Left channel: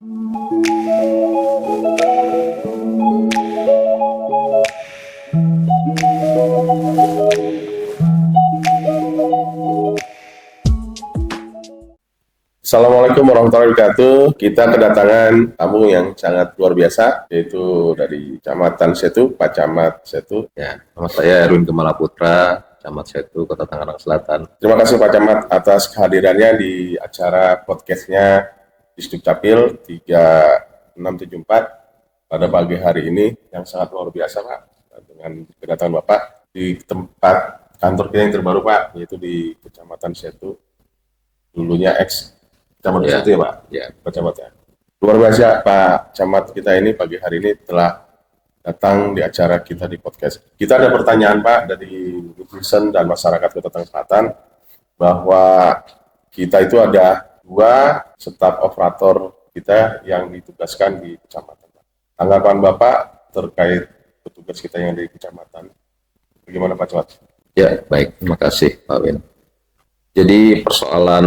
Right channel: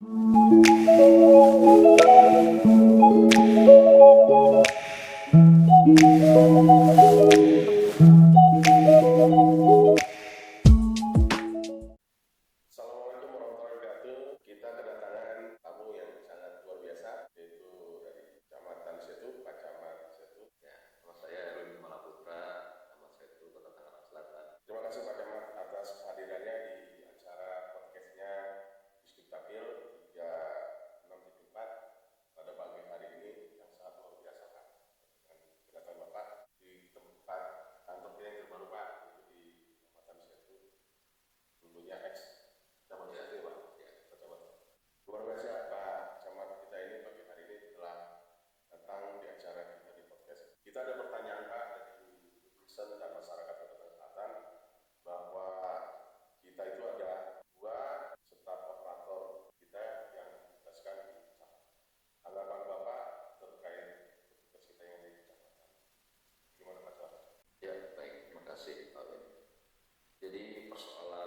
Assalamualaikum warahmatullahi wabarakatuh. Kita kedatangan tamu yang sangat luar biasa, yaitu dari Kecamatan Setu, Pak Camat Setu. Ya, nama saya Erwin Gemala Putra, Camat Setu, Kota Tangerang Selatan. Terima kasih Pak Camat atas kehadirannya di acara podcastnya Distrik Capil 3674 pada pagi hari ini yang sangat luar biasa Pak, dengan kedatangan Bapak di tempat kantor kita yang terbaru Pak, yaitu di Kecamatan Setu, dulunya Kecamatan Setu ya Pak? Ya. Pak Camat ya. Luar biasa Pak Camat kita ini pagi hari ini telah datang di acara kita di podcast. Kita ada pertanyaan Pak dari netizen dan masyarakat Kota Tangerang Selatan bahwa kita itu ada 2 staf operator kita yang ditugaskan di kecamatan. Tanggapan Bapak terkait petugas kita yang di kecamatan, bagaimana Pak Camat? Ya, baik. Terima kasih Pak Win. Jadi persoalan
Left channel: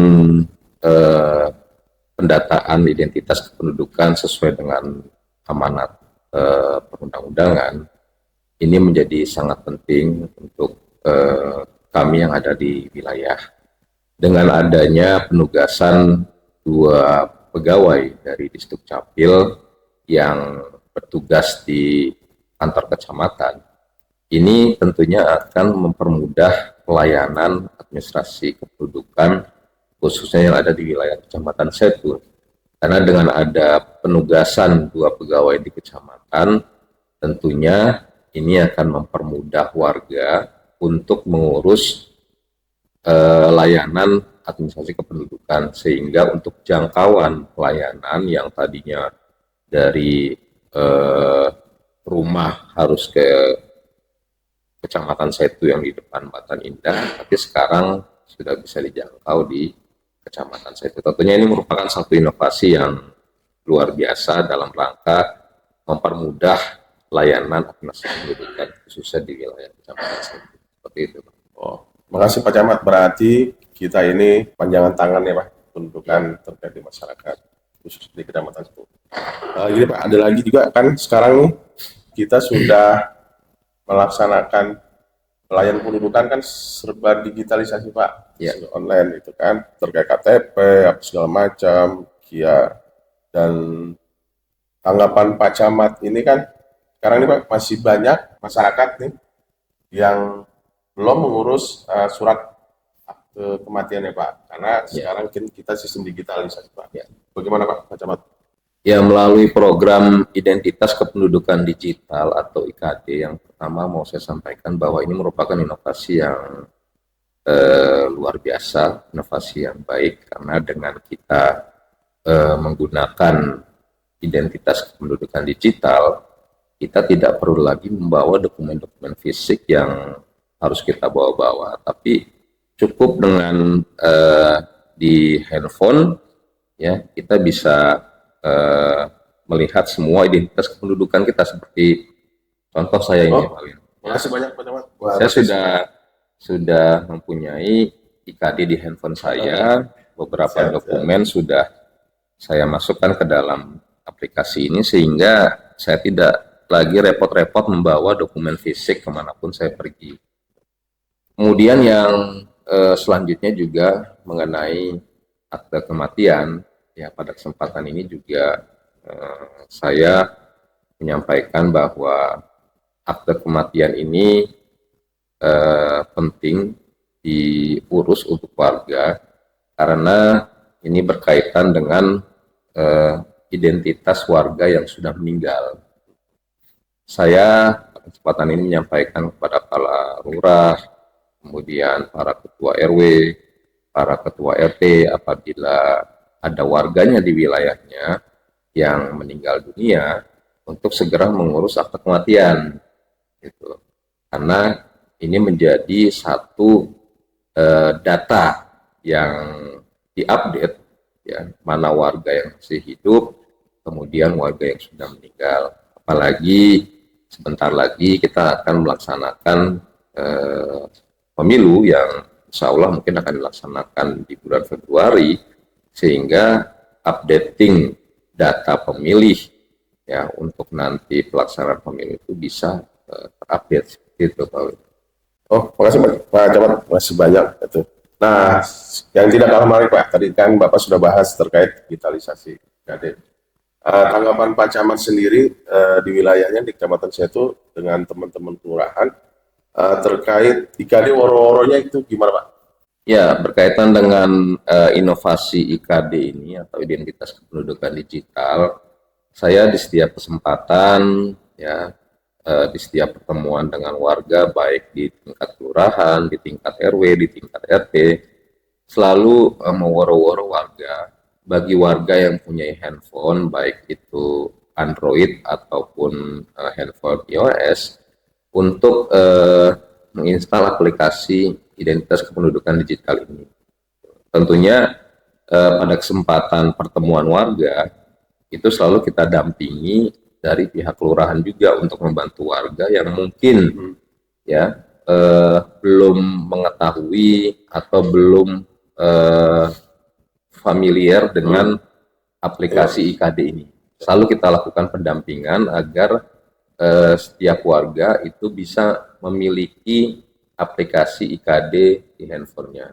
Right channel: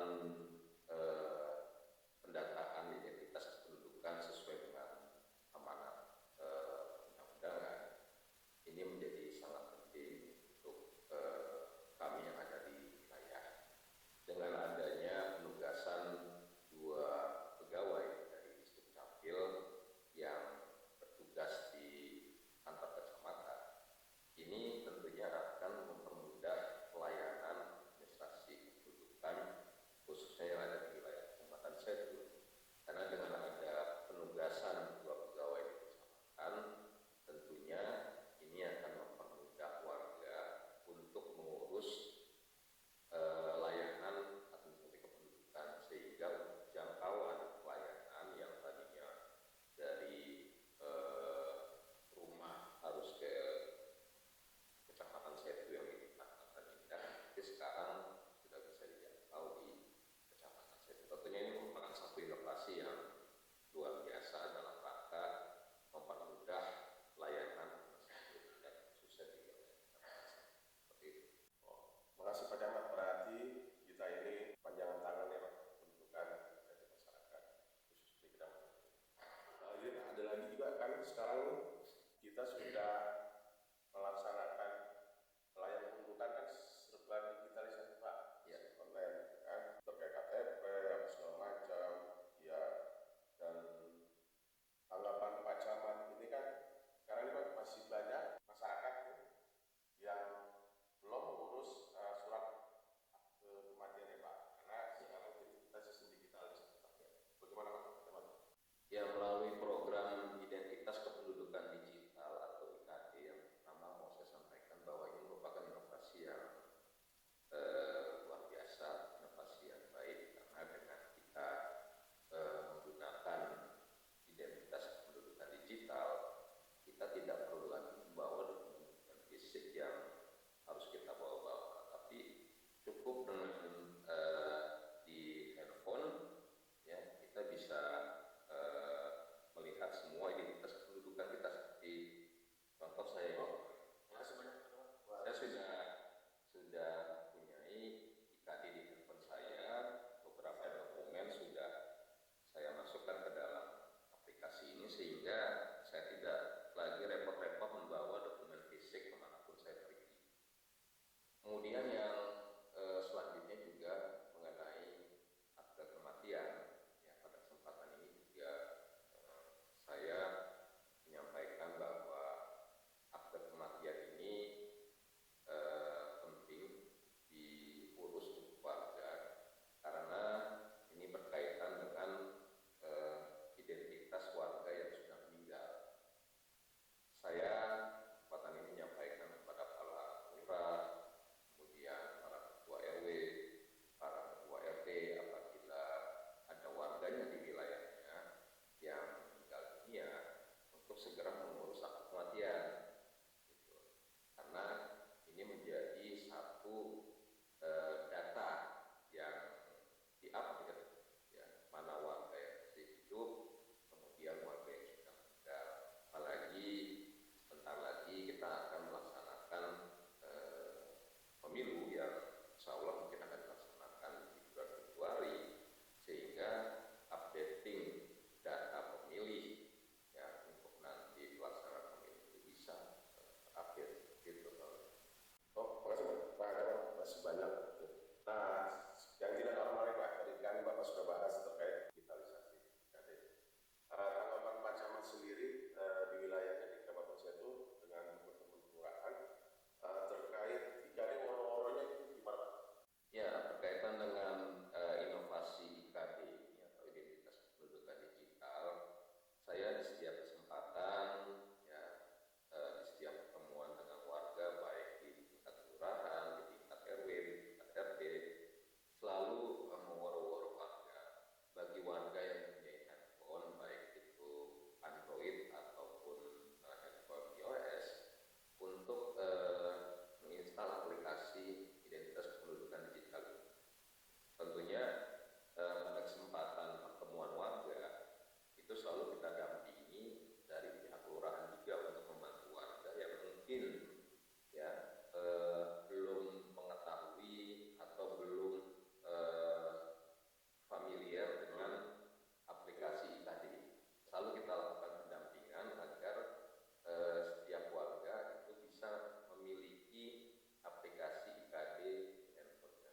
pendataan identitas kependudukan sesuai dengan amanat perundang-undangan ini menjadi sangat penting untuk kami yang ada di wilayah. Dengan adanya penugasan 2 pegawai dari Distrik Capil yang bertugas di kantor kecamatan, ini tentunya akan mempermudah pelayanan administrasi kependudukan khususnya yang ada di wilayah Kecamatan Setu. Karena dengan ada penugasan 2 pegawai di kecamatan, tentunya ini akan mempermudah warga untuk mengurus layanan administrasi kependudukan, sehingga untuk jangkauan pelayanan yang tadinya dari rumah harus ke Kecamatan Setu yang di depan Batan Indah, tapi sekarang sudah bisa dijangkau di Kecamatan Setu. Tentunya ini merupakan satu inovasi yang luar biasa dalam rangka mempermudah layanan administrasi kependudukan khususnya di wilayah Kecamatan Setu. Seperti itu. Oh, makasih Pak Camat. Berarti kita ini panjangan tangan ya Pak, kependudukan terkait di masyarakat khusus di Kecamatan Setu. Gini Pak, ada lagi juga kan sekarang nih kita sudah melaksanakan pelayanan kependudukan kan serba digitalisasi Pak, ya. Online itu kan terkait KTP apa segala macam, KIA. Dan tanggapan Pak Camat ini kan sekarang ini Pak masih banyak masyarakat nih yang belum mengurus surat akte kematian ya Pak, karena sekarang kita sistem digitalisasi Pak. Ya. Bagaimana Pak Camat? Ya, melalui program Identitas Kependudukan Digital atau IKD yang pertama mau saya sampaikan bahwa ini merupakan inovasi yang luar biasa, inovasi yang baik, karena dengan kita menggunakan identitas kependudukan digital, kita tidak perlu lagi membawa dokumen-dokumen fisik yang harus kita bawa-bawa, tapi cukup dengan di handphone ya kita bisa melihat semua identitas kependudukan kita, seperti contoh saya ini Pak Win. Makasih banyak Pak Camat. Saya sudah mempunyai IKD di handphone saya, beberapa dokumen sudah saya masukkan ke dalam aplikasi ini sehingga saya tidak lagi repot-repot membawa dokumen fisik kemanapun saya pergi. Kemudian yang selanjutnya juga mengenai akte kematian. Ya, pada kesempatan ini juga saya menyampaikan bahwa akte kematian ini penting diurus untuk warga karena ini berkaitan dengan identitas warga yang sudah meninggal. Saya pada kesempatan ini menyampaikan kepada para lurah, kemudian para ketua RW, para ketua RT, apabila ada warganya di wilayahnya yang meninggal dunia, untuk segera mengurus akte kematian, gitu. Karena ini menjadi satu data yang diupdate, ya, mana warga yang masih hidup, kemudian warga yang sudah meninggal. Apalagi sebentar lagi kita akan melaksanakan pemilu yang insya Allah mungkin akan dilaksanakan di bulan Februari, sehingga updating data pemilih ya untuk nanti pelaksanaan pemilu itu bisa terupdate gitu Pak Win. Oh, makasih Pak Camat, masih banyak itu. Nah, yang tidak kalah menarik Pak, tadi kan Bapak sudah bahas terkait digitalisasi IKD. Tanggapan Pak Camat sendiri di wilayahnya di Kecamatan Setu dengan teman-teman kelurahan terkait IKD woro-woronya itu gimana Pak? Ya, berkaitan dengan inovasi IKD ini atau identitas kependudukan digital, saya di setiap kesempatan ya di setiap pertemuan dengan warga baik di tingkat kelurahan, di tingkat RW, di tingkat RT selalu meworo-woro warga. Bagi warga yang punya handphone baik itu Android ataupun handphone iOS untuk menginstal aplikasi identitas kependudukan digital ini. Tentunya pada kesempatan pertemuan warga itu selalu kita dampingi dari pihak kelurahan juga untuk membantu warga yang mungkin ya belum mengetahui atau belum familiar dengan aplikasi IKD ini. Selalu kita lakukan pendampingan agar setiap warga itu bisa memiliki aplikasi IKD di handphonenya.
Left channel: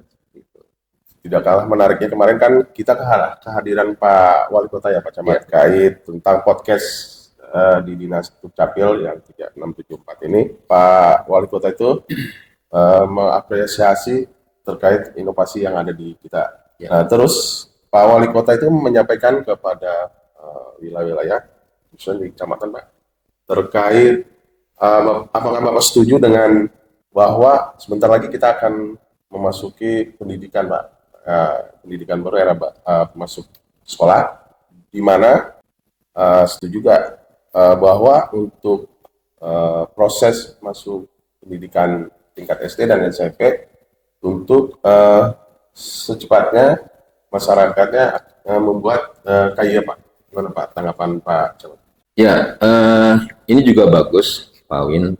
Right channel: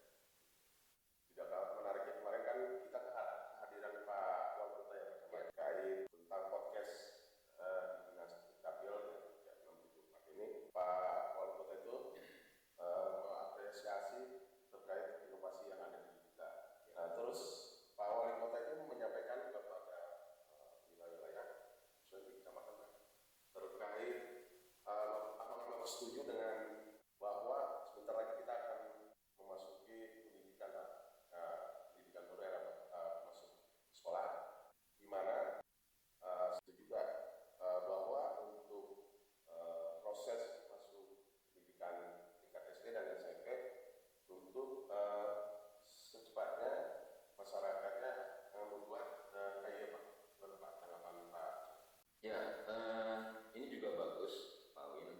Tidak kalah menariknya kemarin kan kita kehadiran Pak Wali Kota ya Pak Camat terkait tentang podcast di Dinas Dukcapil yang 3674 ini. Pak Wali Kota itu mengapresiasi terkait inovasi yang ada di kita. Nah, terus Pak Wali Kota itu menyampaikan kepada wilayah-wilayah khususnya di kecamatan Pak terkait apakah Bapak setuju dengan bahwa sebentar lagi kita akan memasuki pendidikan Pak, pendidikan baru era masuk sekolah, di mana setuju juga bahwa untuk proses masuk pendidikan tingkat SD dan SMP untuk secepatnya masyarakatnya membuat KIA Pak. Gimana Pak tanggapan Pak Camat? Ya, ini juga bagus Pak Win,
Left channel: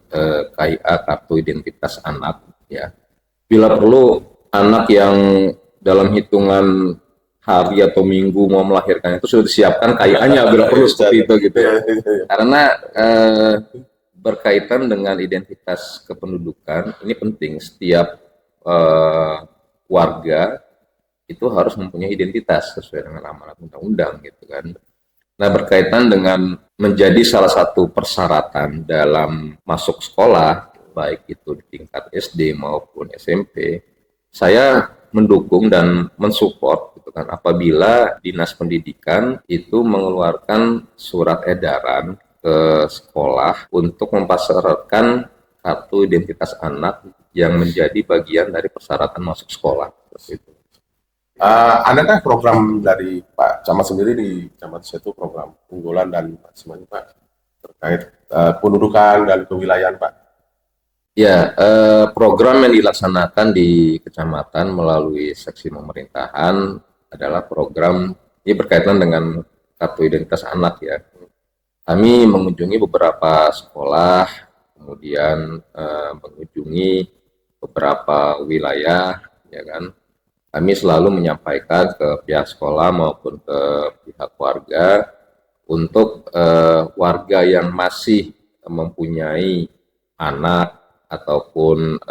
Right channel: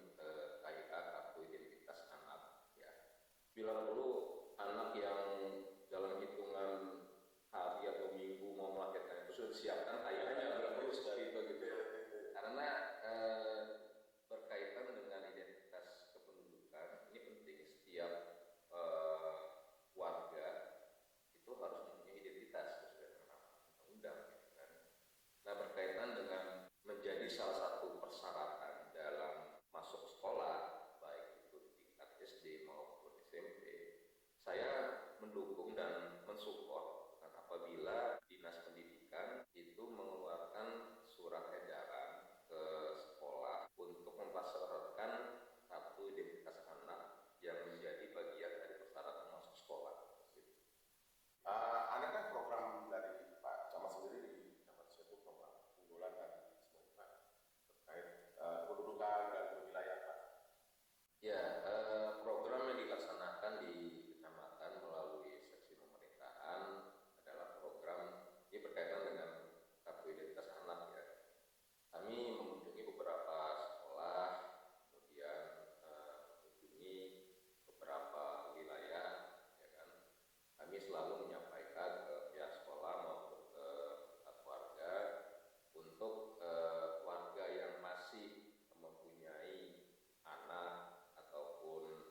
KIA kartu identitas anak ya. Bila perlu anak yang dalam hitungan hari atau minggu mau melahirkan itu sudah disiapkan KIA-nya bila perlu seperti itu gitu ya. Karena berkaitan dengan identitas kependudukan ini penting, setiap warga itu harus mempunyai identitas sesuai dengan amanat undang-undang gitu kan. Nah, berkaitan dengan menjadi salah satu persyaratan dalam masuk sekolah, baik itu di tingkat SD maupun SMP, saya mendukung dan mensupport gitu kan apabila Dinas Pendidikan itu mengeluarkan surat edaran ke sekolah untuk mempersyaratkan kartu identitas anak yang menjadi bagian dari persyaratan masuk sekolah. Itu. Adakah program dari Pak Camat sendiri di Camat Setu program unggulan dan semuanya Pak terkait pendudukan dan kewilayahan Pak? Ya, program yang dilaksanakan di kecamatan melalui seksi pemerintahan adalah program ini berkaitan dengan kartu identitas anak ya. Kami mengunjungi beberapa sekolah, kemudian mengunjungi beberapa wilayah, ya kan. Kami selalu menyampaikan ke pihak sekolah maupun ke pihak warga untuk warga yang masih mempunyai anak ataupun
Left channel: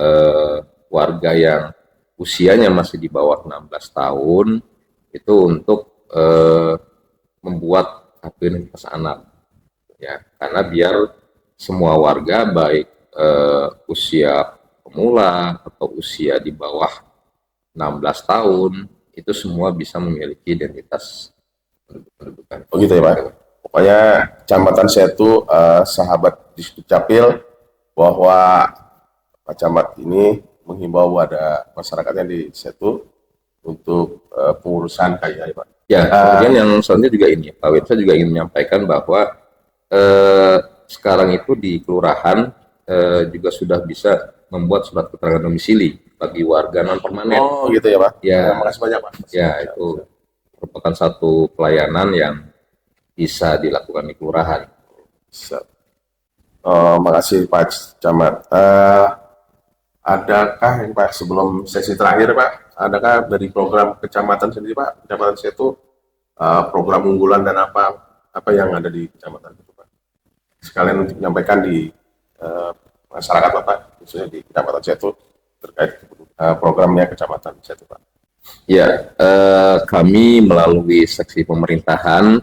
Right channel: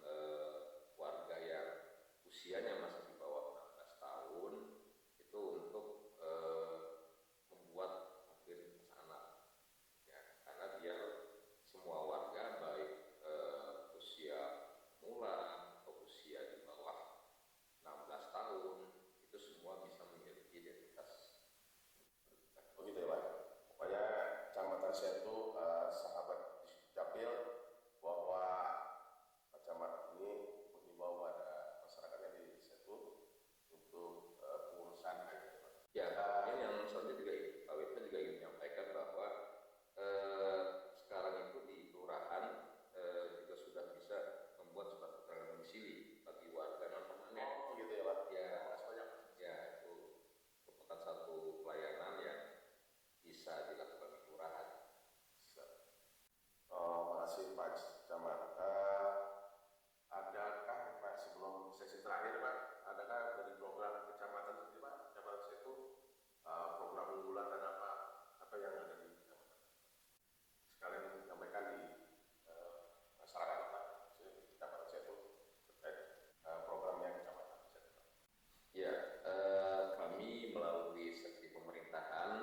warga yang usianya masih di bawah 16 tahun itu untuk membuat kartu identitas anak ya, karena biar semua warga baik usia pemula atau usia di bawah 16 tahun itu semua bisa memiliki identitas pendudukan. Oh gitu ya Pak. Pokoknya Kecamatan Setu sahabat di Dukcapil bahwa Pak Camat ini menghimbau pada masyarakatnya di Setu untuk pengurusan KIA ya Pak. Ya, kemudian yang selanjutnya juga ini, Pak Win, saya juga ingin menyampaikan bahwa sekarang itu di kelurahan juga sudah bisa membuat surat keterangan domisili bagi warga non permanen. Oh gitu ya Pak. Ya, makasih banyak Pak. Ya, itu merupakan satu pelayanan yang bisa dilakukan di kelurahan. Makasih Pak Camat. Adakah yang Pak sebelum sesi terakhir Pak, adakah dari program kecamatan sendiri Pak, Kecamatan Setu program unggulan dan apa yang ada di kecamatan itu Pak. Sekalian untuk menyampaikan di masyarakat Bapak, khususnya di Kecamatan Setu terkait programnya Kecamatan Setu Pak. Ya, kami melalui seksi pemerintahan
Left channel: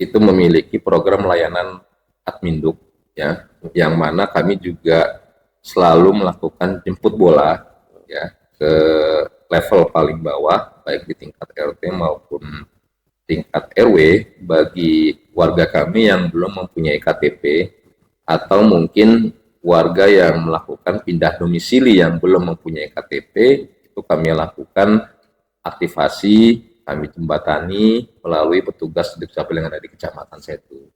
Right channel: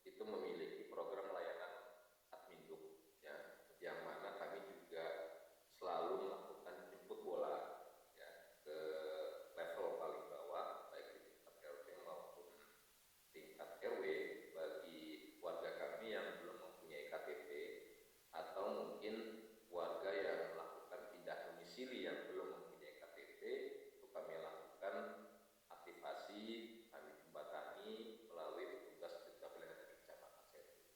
itu memiliki program layanan Adminduk, ya, yang mana kami juga selalu melakukan jemput bola, ya, ke level paling bawah, baik di tingkat RT maupun tingkat RW bagi warga kami yang belum mempunyai KTP atau mungkin warga yang melakukan pindah domisili yang belum mempunyai KTP, itu kami lakukan aktivasi, kami jembatani melalui petugas Dukcapil yang ada di Kecamatan Setu,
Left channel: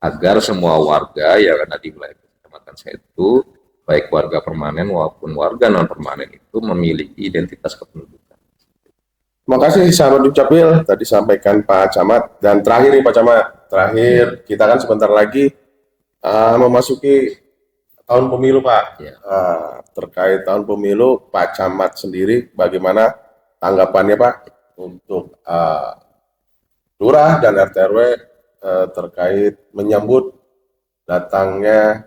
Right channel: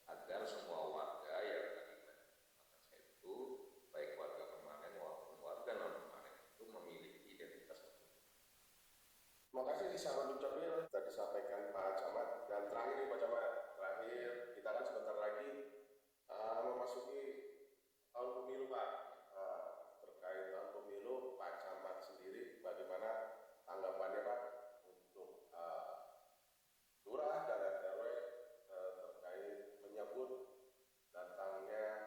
agar semua warga yang ada di wilayah Kecamatan Setu, baik warga permanen maupun warga non permanen itu memiliki identitas kependudukan. Terima kasih sahabat Dukcapil, tadi sampaikan Pak Camat. Dan terakhir nih Pak Camat, kita kan sebentar lagi memasuki tahun pemilu Pak. Ya. Terkait tahun pemilu, Pak Camat sendiri bagaimana tanggapannya Pak untuk lurah dan RT RW terkait menyambut datangnya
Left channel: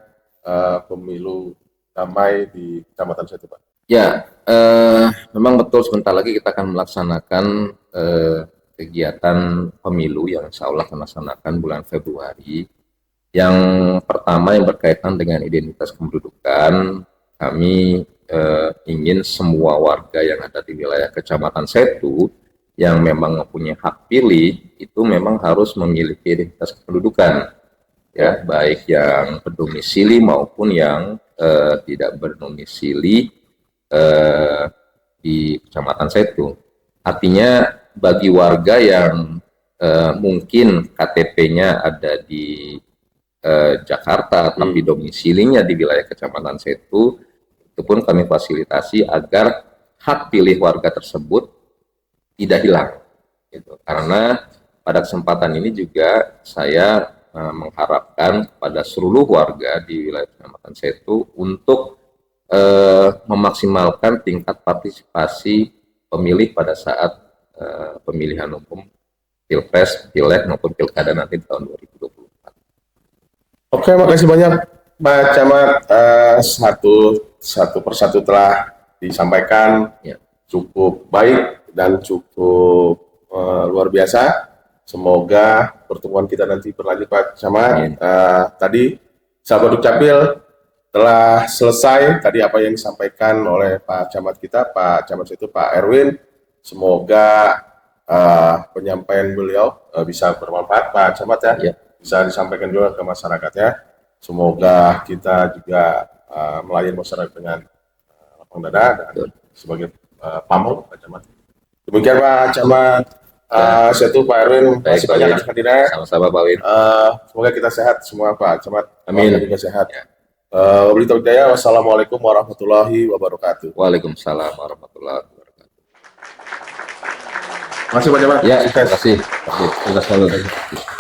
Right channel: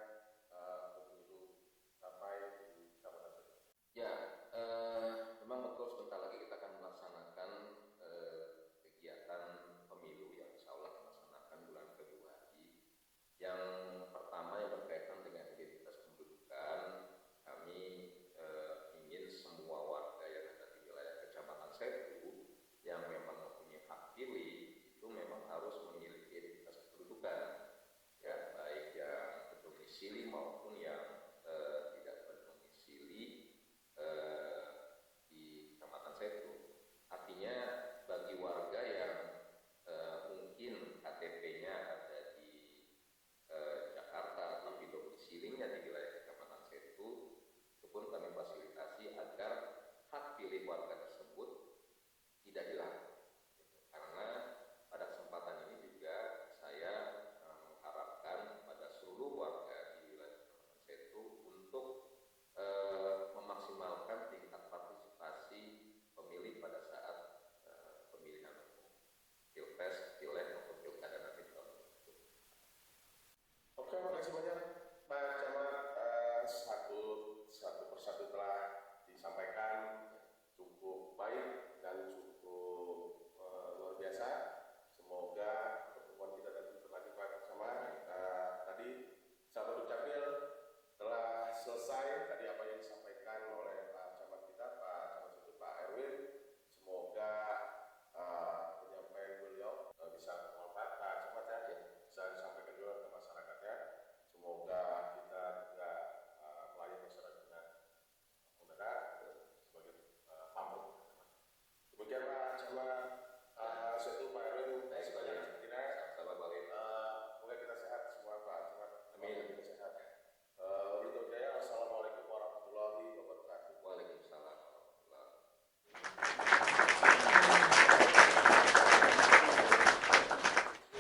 pemilu damai di Kecamatan Setu Pak? Ya, memang betul sebentar lagi kita akan melaksanakan kegiatan pemilu yang insya Allah akan dilaksanakan bulan Februari. Yang pertama yang berkaitan dengan identitas kependudukan, kami ingin semua warga yang ada di wilayah Kecamatan Setu yang memang mempunyai hak pilih itu memang harus memiliki identitas kependudukan, ya, baik yang berdomisili maupun yang tidak berdomisili di Kecamatan Setu. Artinya bagi warga yang mungkin KTP-nya ada di Jakarta tapi domisilinya di wilayah Kecamatan Setu, itu pun kami fasilitasi agar hak pilih warga tersebut tidak hilang. Gitu. Karena pada kesempatan ini juga saya mengharapkan kepada seluruh warga di wilayah Kecamatan Setu untuk memaksimalkan tingkat partisipasi pemilih pada saat pemilihan umum Pilpres, Pileg maupun Pilkada nanti di tahun 2024. Oke, makasih banyak Pak Camat. Satu persatu telah disampaikan, Ya. cukup baik dan cukup luar biasa. Semoga pertemuan kita nanti berlanjut Pak Camat. Tadi sahabat Dukcapil telah selesai tadi apa yang disampaikan oleh Pak Camat kita, Pak Camat itu Pak Erwin. Semoga penyampaian beliau bisa bermanfaat Pak Camat ya. Bisa disampaikan juga ke masyarakatnya. Semoga kita juga melayani masyarakat dengan lapang dada dan sebagai pamong Pak Camat. Demikian Pak Camat Setu, Pak Erwin, masih banyak atas hadirnya. Sama-sama Pak Win. Semoga kita sehat semua Pak Camat. Amin. Juga sehat. Wassalamualaikum warahmatullahi wabarakatuh. Waalaikumsalam warahmatullahi wabarakatuh. Terima kasih banyak Pak. Ya, terima kasih. Terima kasih.